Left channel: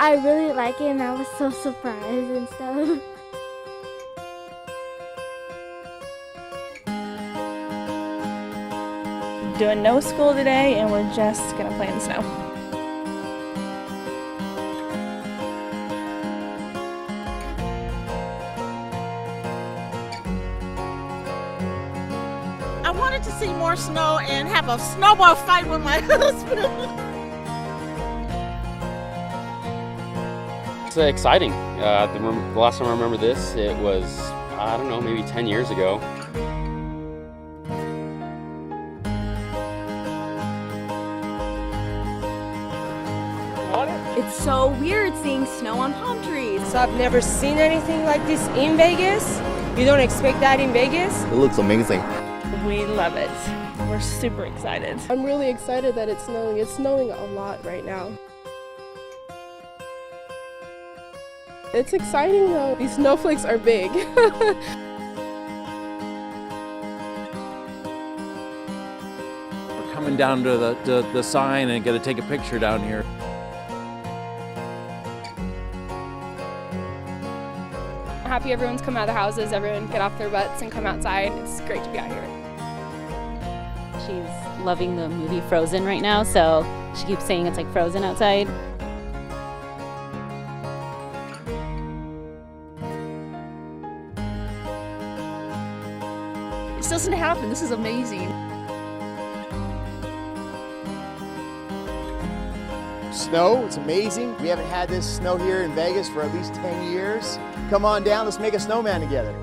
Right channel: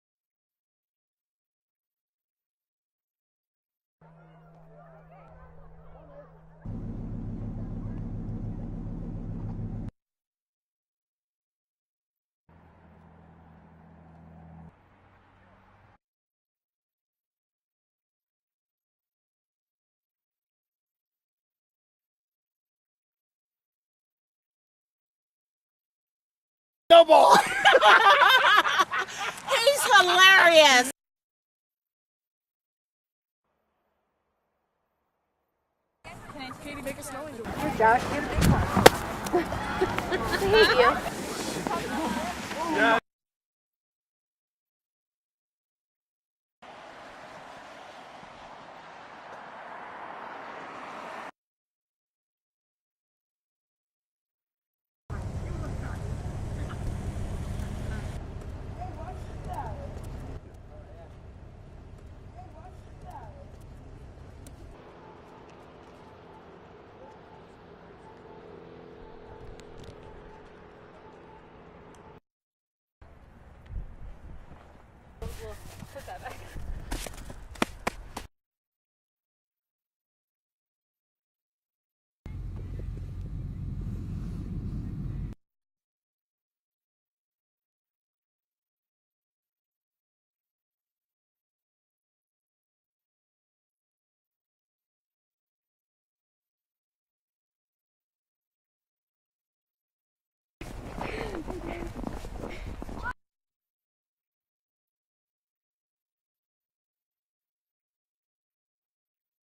I really like it and I was so surprised and stuff. Doing no school today and we're just gonna play in the snow. I wanted to see more snow and have a snowball fight with my husband. Snowball! He's hilarious. It's exciting. The last time I remember this, it was, I don't know, maybe 10 years ago. It's so weird seeing snow on palm trees. So I've never seen anything like this in Vegas. You don't expect that in Vegas. It looks amazing. We love it. We're super excited. I'm really excited that it's snowing. It's snowing a lot right now. It's exciting though. These snowflakes are big. We're coming down to the sign and gonna take a picture down here. Happy everyone's come out of the houses, everyone get off their butts and come outside. It's great to be out here. She's loving the movie Frozen right now, so she keeps saying it's like Frozen outside. This doesn't happen. This is amazing. Snow, it's amazing. We haven't had this snow here in Vegas for at least 10 years. Come on down, let's make a snowman together.